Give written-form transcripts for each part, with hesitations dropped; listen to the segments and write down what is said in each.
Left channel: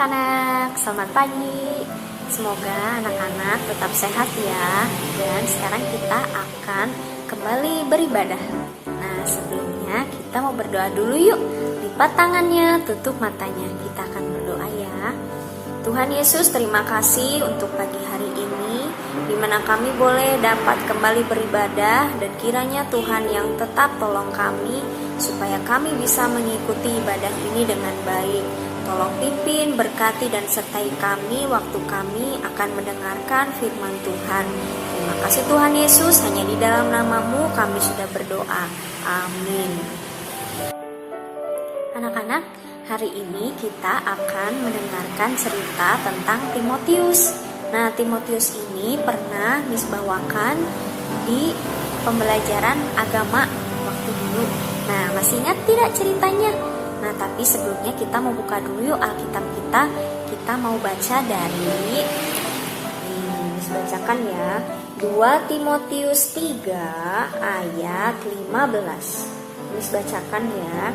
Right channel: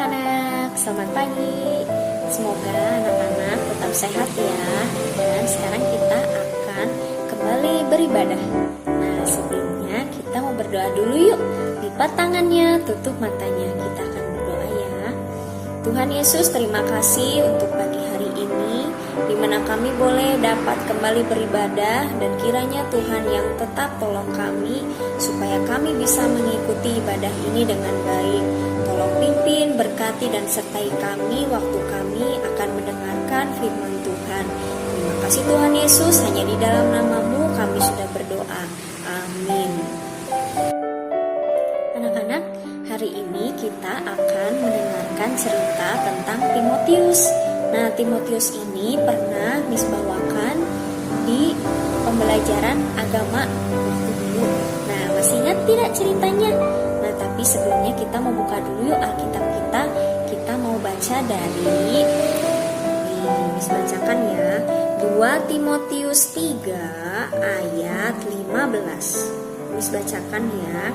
anak-anak, selamat pagi. Semoga anak-anak tetap sehat ya. Dan sekarang kita akan kembali beribadah. Nah, sebelumnya kita mau berdoa dulu yuk. Lipat tangannya, tutup matanya. Kita akan berdoa ya. Tuhan Yesus, terima kasih untuk pagi hari ini, di mana kami boleh dapat kembali beribadah, dan kiranya Tuhan yang tetap tolong kami supaya kami bisa mengikuti ibadah ini dengan baik. Tolong pimpin, berkati dan sertai kami waktu kami akan mendengarkan firman Tuhan. Terima kasih Tuhan Yesus, hanya di dalam nama-Mu kami sudah berdoa. Amin. Anak-anak, hari ini kita akan mendengarkan cerita tentang Timotius. Nah, Timotius ini pernah Miss bawakan di pembelajaran agama waktu dulu. Nah, masih ingat tidak ceritanya? Nah, tapi sebelumnya kita mau buka dulu yuk Alkitab kita. Kita mau baca dari Miss bacakan ya. 2 Timotius 3 ayat 15. Miss bacakan ya.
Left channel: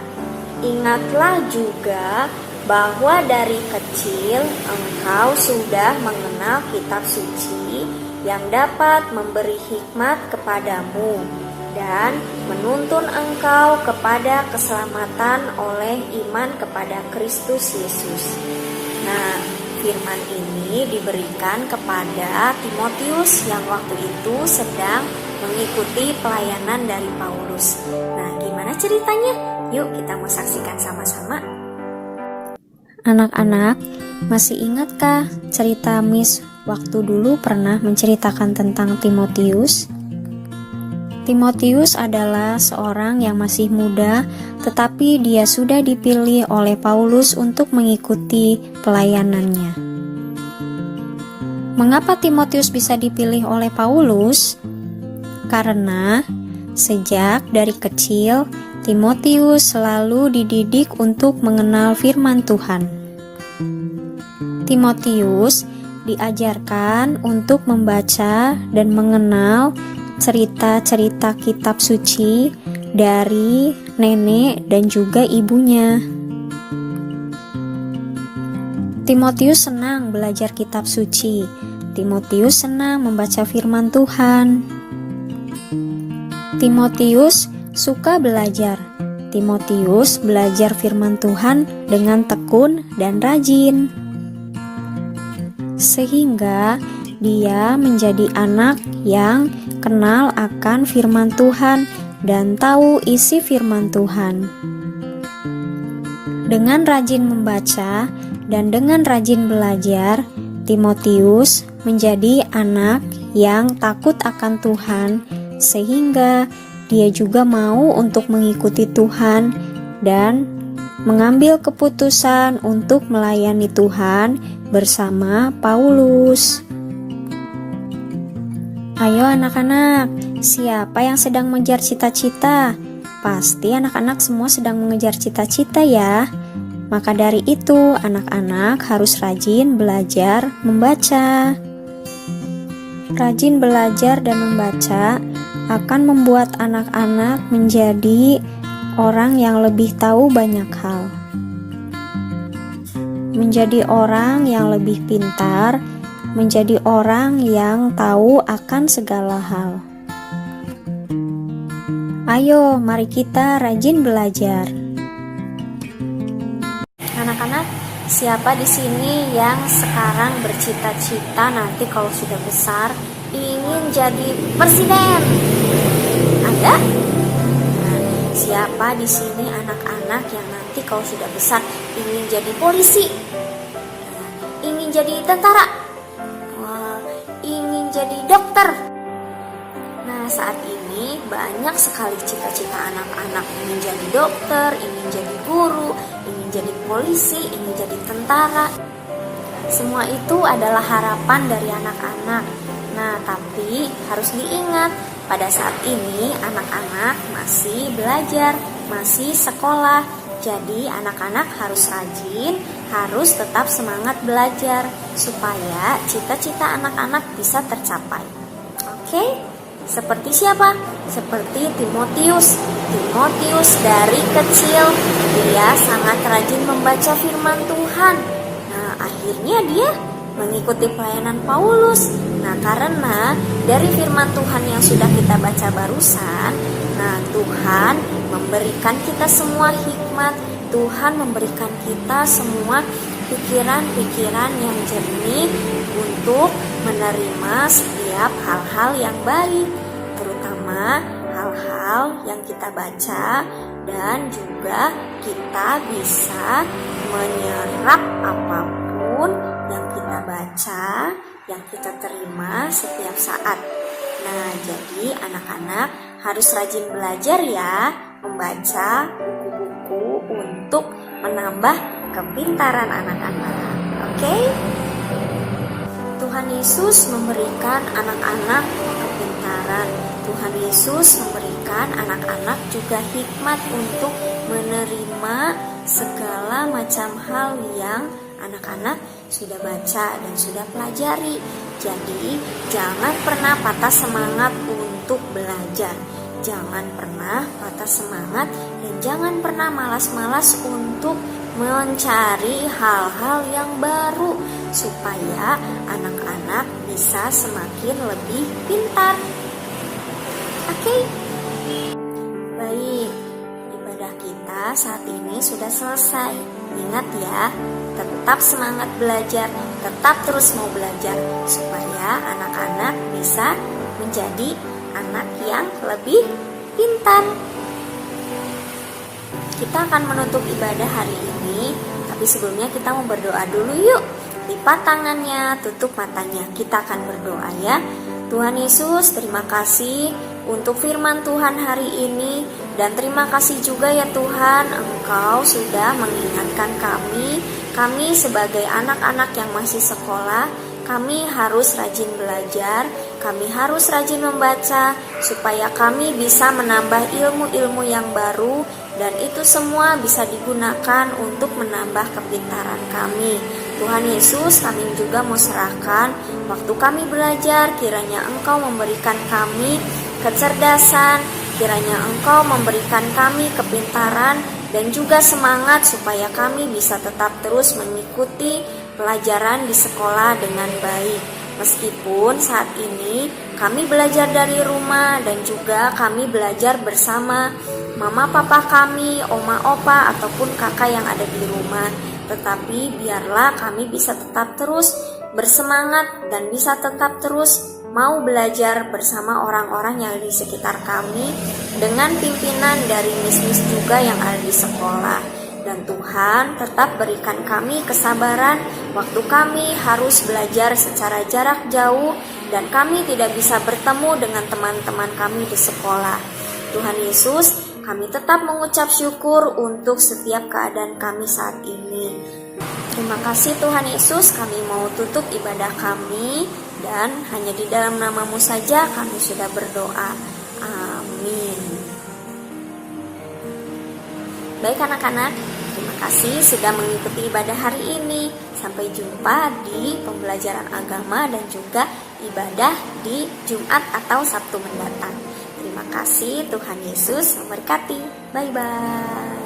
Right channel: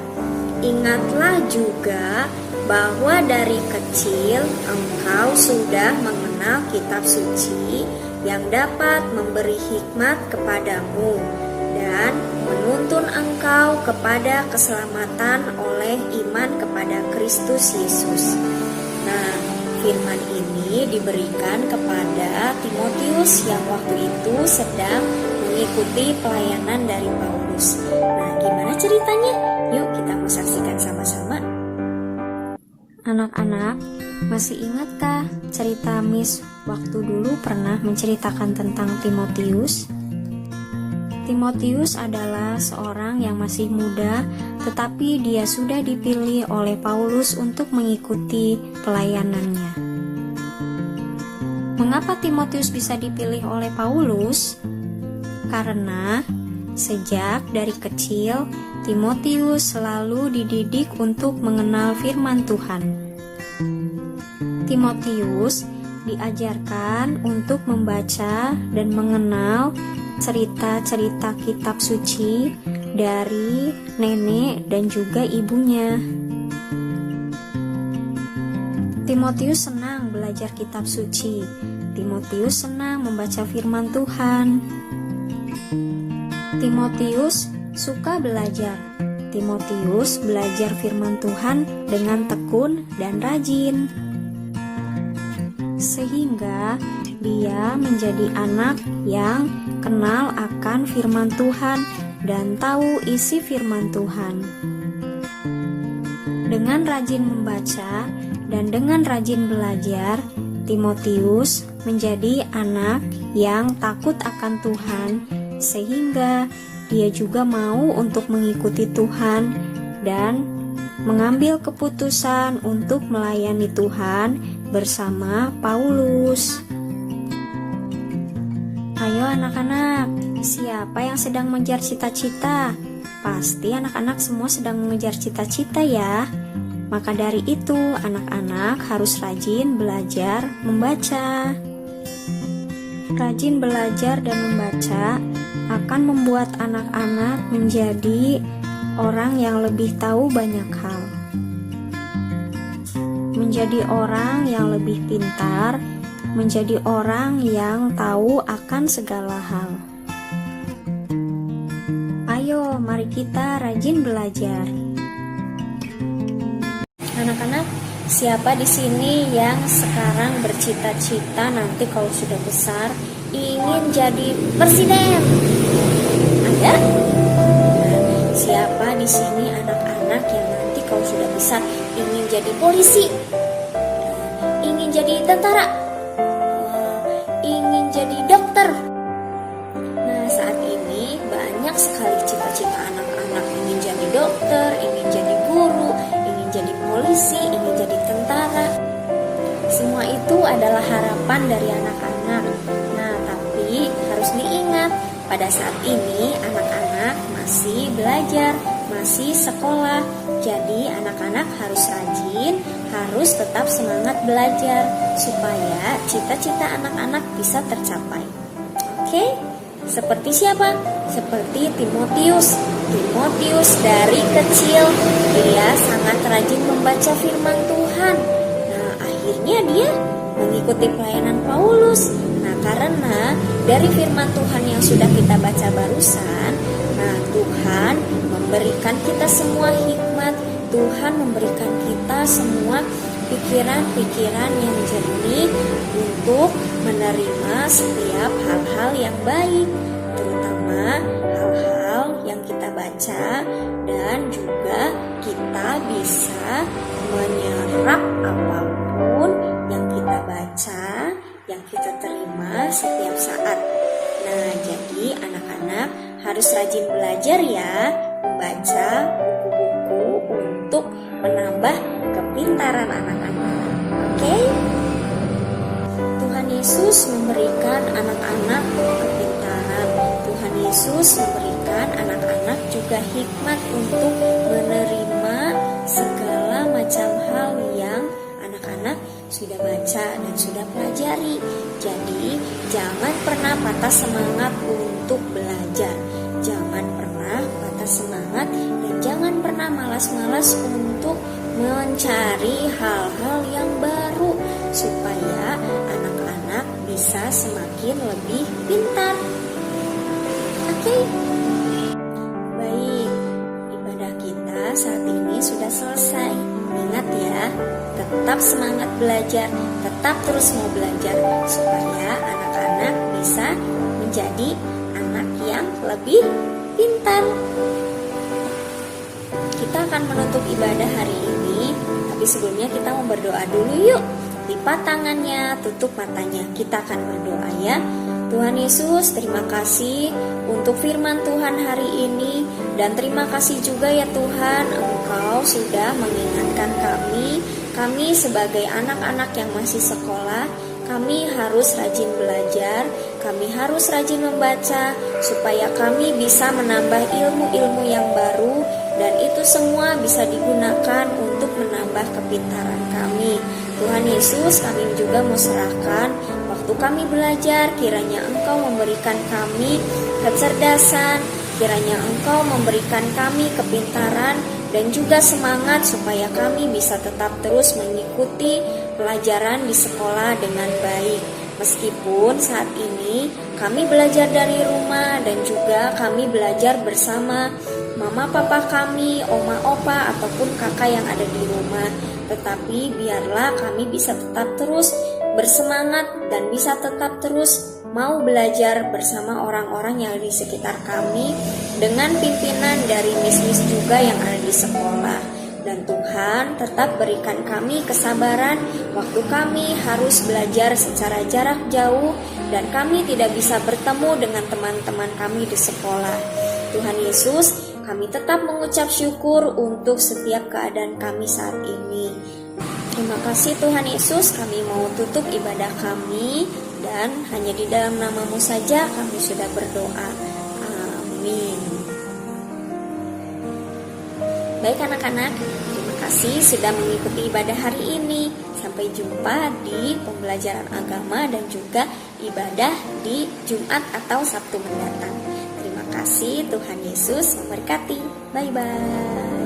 Ingatlah juga bahwa dari kecil engkau sudah mengenal kitab suci yang dapat memberi hikmat kepadamu dan menuntun engkau kepada keselamatan oleh iman kepada Kristus Yesus. Nah, firman ini diberikan kepada Timotius yang waktu itu sedang mengikuti pelayanan dari Paulus. Nah, gimana ceritanya? Yuk kita mau saksikan sama-sama. Anak-anak, masih ingatkah cerita Miss waktu dulu pernah menceritakan tentang Timotius? Timotius adalah seorang yang masih muda, tetapi dia sudah dipilih oleh Paulus untuk mengikuti pelayanannya. Mengapa Timotius bisa dipilih oleh Paulus? Karena sejak dari kecil, Timotius selalu dididik untuk mengenal firman Tuhan. Timotius diajarkan untuk membaca dan mengenal cerita-cerita kitab suci dari nenek dan juga ibunya. Timotius senang belajar kitab suci. Timotius senang membaca firman Tuhan. Timotius suka belajar. Timotius belajar firman Tuhan dengan tekun dan rajin. Sehingga dia menjadi anak yang kenal akan firman Tuhan dan tahu isi firman Tuhan. Dengan rajin membaca dan dengan rajin belajar, Timotius menjadi anak yang takut akan Tuhan, sehingga dia juga mau untuk mengikuti Tuhan dan mengambil keputusan untuk melayani Tuhan bersama Paulus. Ayo anak-anak, siapa yang sedang mengejar cita-cita? Pasti anak-anak semua sedang mengejar cita-cita ya. Maka dari itu, anak-anak harus rajin belajar membaca. Rajin belajar dan membaca akan membuat anak-anak menjadi orang yang lebih tahu banyak hal. Menjadi orang yang lebih pintar, menjadi orang yang tahu akan segala hal. Ayo, mari kita rajin belajar. Anak-anak, siapa di sini yang sekarang bercita-cita nanti kalau sudah besar ingin jadi presiden? Ada? Siapa di sini anak-anak yang nanti kalau sudah besar ingin jadi polisi? Ingin jadi tentara? Ingin jadi dokter? Nah, saat ini banyak sekali cita-cita anak-anak, ingin jadi dokter, ingin jadi guru, ingin jadi polisi, ingin jadi tentara. Semua itu adalah harapan dari anak-anak. Nah, tapi harus diingat, pada saat ini anak-anak masih belajar, masih sekolah. Jadi anak-anak harus rajin, harus tetap semangat belajar supaya cita-cita anak-anak bisa tercapai. Oke? Seperti siapa? Seperti Timotius. Timotius dari kecil dia sangat rajin membaca firman Tuhan. Nah, ya? Mengikuti pelayanan Paulus. Nah, karena dari firman Tuhan yang sudah kita baca barusan, nah Tuhan memberikan kita semua hikmat, Tuhan memberikan kita semua pikiran-pikiran yang jernih untuk menerima setiap hal-hal yang baik, terutama hal-hal yang kita baca, dan juga kita bisa menyerap apapun yang kita baca, yang kita terima setiap saat. Nah, jadi anak-anak harus rajin belajar ya, membaca buku-buku untuk menambah kepintaran anak-anak. Oke? Tuhan Yesus memberikan anak-anak kepintaran. Tuhan Yesus memberikan anak-anak juga hikmat untuk menerima segala macam hal yang anak-anak sudah baca dan sudah pelajari. Jadi, jangan pernah patah semangat untuk belajar. Jangan pernah patah semangat dan jangan pernah malas-malas untuk mencari hal-hal yang baru supaya anak-anak bisa semakin lebih pintar. Oke? Baik, ibadah kita saat ini sudah selesai. Ingat ya, tetap semangat belajar, tetap terus mau belajar supaya anak-anak bisa menjadi anak yang lebih pintar. Kita akan menutup ibadah hari ini, tapi sebelumnya kita mau berdoa dulu yuk. Lipat tangannya, tutup matanya. Kita akan berdoa ya. Tuhan Yesus, terima kasih untuk firman Tuhan hari ini, dan terima kasih juga ya Tuhan, Engkau sudah mengingatkan kami sebagai anak-anak yang masih sekolah, kami harus rajin belajar, kami harus rajin membaca, supaya kami bisa menambah ilmu-ilmu yang baru, dan itu semua bisa digunakan untuk menambah kepintaran kami. Tuhan Yesus, kami juga mau serahkan waktu kami belajar, kiranya Engkau memberikan kami kecerdasan, kiranya Engkau memberikan kami kepintaran dan juga semangat supaya kami bisa tetap terus mengikuti pelajaran di sekolah dengan baik. Meskipun saat ini kami belajar dari rumah dan juga kami belajar bersama mama papa kami, oma opa ataupun kakak yang ada di rumah, tetapi biarlah kami bisa tetap terus bersemangat dan bisa tetap terus mau belajar bersama orang-orang yang ada di sekitar kami dengan pimpinan dari mis-mis juga yang ada di sekolah. Dan Tuhan tetap berikan kami kesabaran waktu kami harus belajar secara jarak jauh dan kami tidak bisa bertemu dengan teman-teman kami di sekolah. Tuhan Yesus, kami tetap mengucap syukur untuk setiap keadaan kami saat ini. Terima kasih Tuhan Yesus, kami mau tutup ibadah kami dan hanya di dalam nama-Mu saja kami sudah berdoa. Amin. Baik anak-anak, terima kasih sudah mengikuti ibadah hari ini. Sampai jumpa di pembelajaran agama dan juga ibadah di Jumat atau Sabtu mendatang. Terima kasih, Tuhan Yesus memberkati. Bye-bye.